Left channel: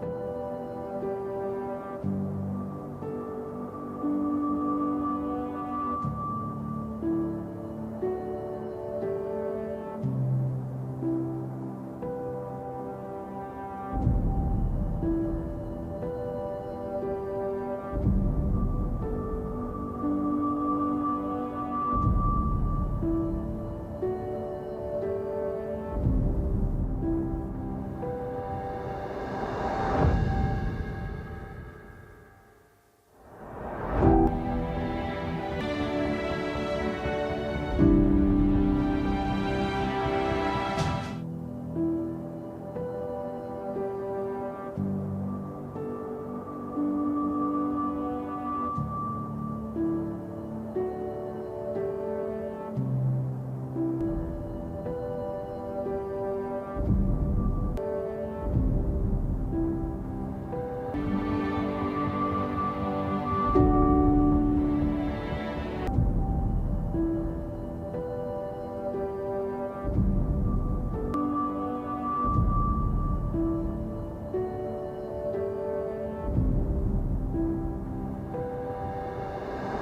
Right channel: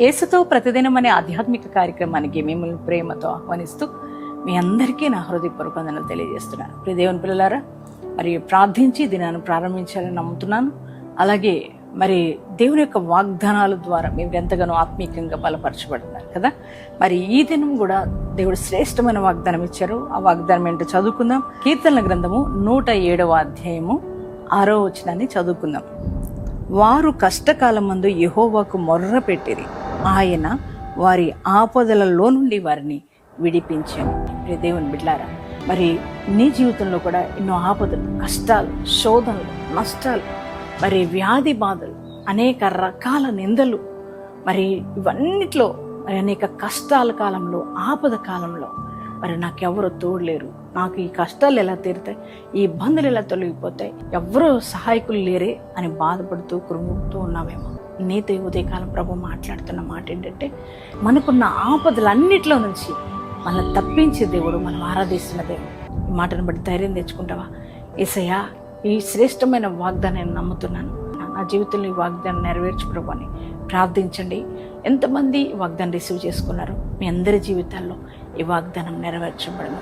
ఏసుతో ప్రతిదినం అనే ఆధ్యాత్మిక కార్యక్రమానికి మిమ్మల్ని ప్రేమతో ఆహ్వానిస్తూ మీ అందరికీ నా హృదయపూర్వక వందనాలు తెలియజేస్తున్నాను. ప్రియ దేవుని పిల్లలారా మరి ప్రార్థించి దినాన్ని ప్రారంభించాలని నమ్ముతున్నాను. అలాగే మరి దేవుని యొక్క వాగ్దానాల ద్వారా మీరు ఎంతగానో ఆత్మీయంగా బలపరచబడుతున్నారు కదా. మరి ఈ దినం కూడా దేవుడు శ్రేష్టమైన వాగ్దానం ఇచ్చారు. ఆ వాగ్దానం ఏంటో చదువుకుందాం. కీర్తనల గ్రంథము నూట ఏడవ అధ్యాయము ఆరో వచనాన్ని చదువుకుందాం. వారు కష్టకాలం మందు యహోవాకు మొర్ర పెట్టిరి ఆయన వారి ఆపదలలో నుండి వారిని విడిపించాడు దేవుని బిడ్లారా మరి నీ జీవితంలో కూడా ఎన్నో ఆపదలు కష్టాలు శోధనలు నష్టాలు మరి వ్యాధి బాధలు అనేక రకాల నిందలు మరి ఇవన్నిట్లో మరి అనేక కష్టాల కాలంలో ఆపద కాలంలో మరి నాకెవరు తోడలేరు. నాకు ఈ కష్టాలు ఎలా తీరుతాయి? ఈ ఇబ్బందులు ఎలా తొలగిపోతాయి? ఎవరు సహాయకులు లేరే అని బాధపడుతూ కురుగుతూ ఉన్నామేమో నేత ఉదయకాలం ప్రభు మాట్లాడుతున్న మాట ఏంటంటే మనకున్న ఆపదలన్నిట్లో నుంచి మనం తప్పించే దేవుడు మనం ఆరాధిస్తున్న దేవుడు. మాటను బట్టి ధైర్యం తెచ్చుకుంటావా? ఏసయ్యా ఈ శ్రేష్టమైన వాగ్దానాన్ని నమ్ముతున్నాను. నా జీవితంలో ఈ వాగ్దానం నెరవేర్చు ప్రభు అని ప్రార్థించండి. ఎంతమంది వాగ్దానం రిసీవ్ చేసుకున్నారు? మీ అందరి జీవితాల్లో ఈ వాగ్దానం నెరవేర్చబడదు